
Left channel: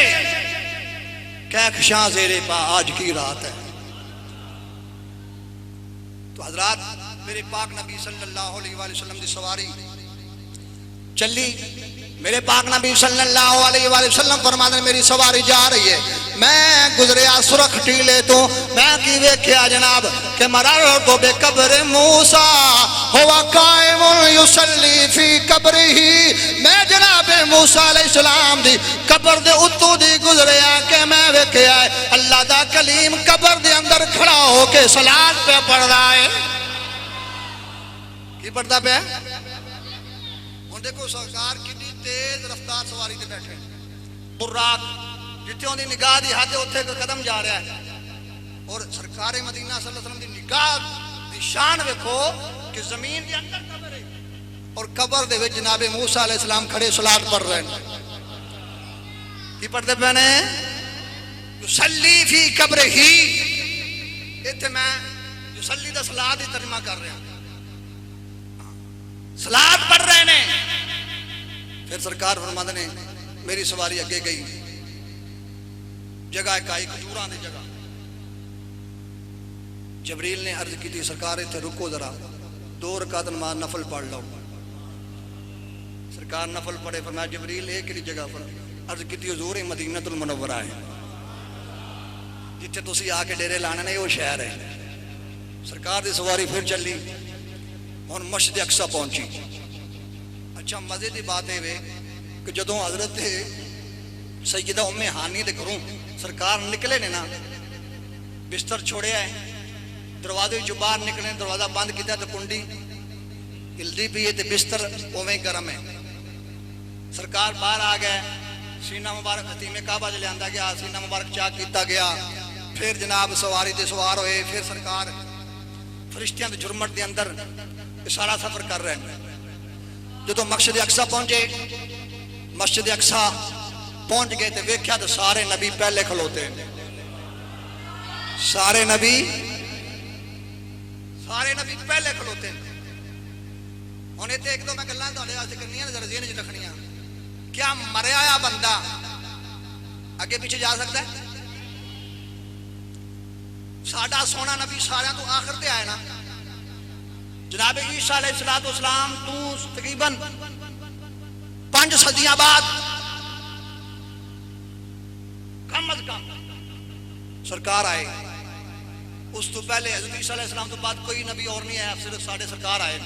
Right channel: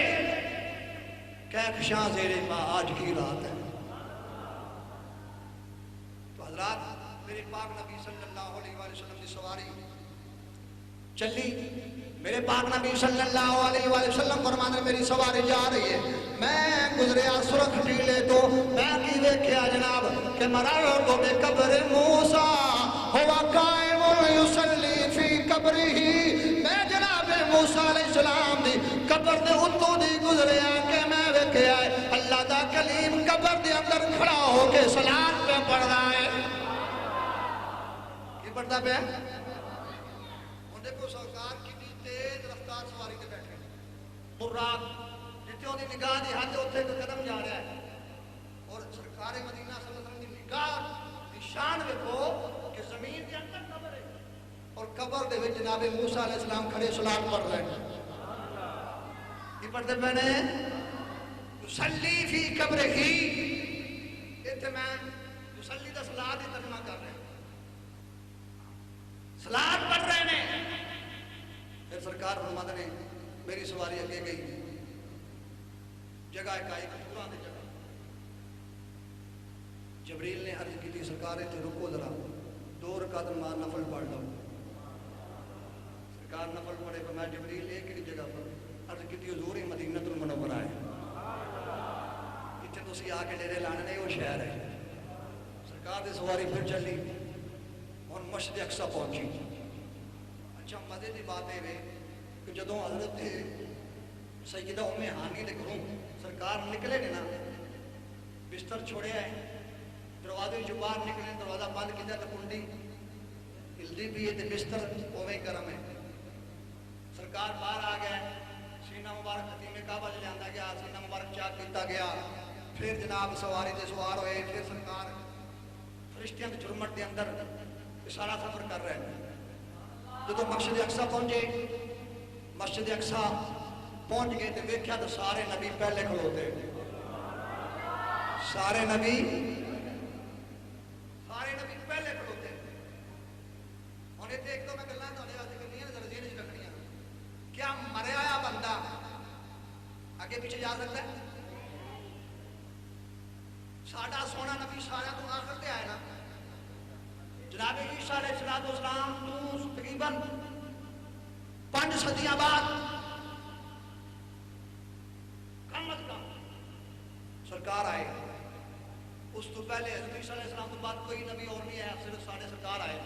کہکشاں زیر پا آج کی رات ہے۔ تو حضرات میرے پاک نبی صلی اللہ علیہ وآلہ وسلم دی سواری چلی، میرے پاک نبی صلی اللہ علیہ وآلہ وسلم فرماتے ہیں میری سواری جا رہی ہے، میں گزریا سرخ ٹیلے تو، میں کی ویکھیا جناب کہ مررت بقبر موسیٰ ہوا قائم یصلی فی قبرہ، میں جناب موسیٰ علیہ السلام دی قبر دے اتو دی گزریا کہ میں ویکھیا ہے اللہ دا کلیم قبر دے اندر کھڑا ہو کے صلاۃ پہ پڑھ رہا ہے۔ کی پڑھتا پہ ہے؟ دیکھو سرکار کتنی تیز رفتار سواری تے بیٹھے، براق جتنے ان کی نگاہ دی حد اتنے قدم جا رہا ہے، اور سرکار مدینہ صلی اللہ علیہ وسلم دی نگاہ دی شان ویکھو کہ زمین دے اندر قبر ہے اور قبر دے وچ جناب موسیٰ علیہ السلام کھڑے صلاۃ پڑھ رہے ہیں۔ کی پڑھتے پہنے یصلی فی قبرہ، اتنے میں یصلی دا صلاۃ دی ترجمہ کر رہا ہوں، صلاۃ پڑھ رہے ہیں۔ پھر سرکار فرماتے ہیں میری سواری اگے گئی، جگہ ایک آئی کھجوراں دی جگہ، جبریل نے عرض کی تھی سرکار اتنے رکو ذرا 2 رکعت نماز نفل پڑھ لو، سرکار نفل پڑھے، فرمایا جبریل ایک ہی جگہ پر، عرض کی تھی حضور مدینہ المنورہ ہے، جتنے تسی آ کے ڈیرے لانے نے وہ شہر ہے۔ سرکار دی سواری پھر چلی، اور مسجد اقصی پہنچی۔ اچھا مزے دی بات ہے کہ جدوں حضرت سیدہ ام ہانی دے گھروں سرکار نکلے نے نا، بستر چھوڑیا ہے، دروازے جو باہر نکلے، دروازہ بند کیتا تو کنڈی ہلدی پئی ہے تے بستر اوویں گرم ہے۔ سرکار باہر آ گئے، سینہ مبارک خطیم کعبہ لے آندا گیا، سینہ مبارک چاک کیتا گیا، پھر جناب سواری تے سوار ہوئے، پھر سرکار فرشتیاں دے جھرمٹ دے اندر سارا سفر کر رہے ہیں۔ جدو مسجد اقصی پہنچے، مسجد اقصی پہنچ گئے تو ویکھیا تو سارے نبی پہلے کھلوتے، سارے نبی پہلے کھلوتے۔ ہن ایتھے ایک دو میں گلاں تہاڈے واسطے کرنیاں ذرا ذہن وچ رکھنیاں، کیا مریا ہوا بندہ اگے پیچھے جا سکتا ہے؟ ساڈا سونا نبی سارے تو آخر تے آئے نا، جناب عیسیٰ علیہ السلام تو تقریباً 5 صدیاں بعد کم از کم سرکار آئے، اس تو پہلے حضرت عیسیٰ علیہ السلام تو بعد کوئی نبی اور نہیں آیا، صرف سارے سرکار آئے۔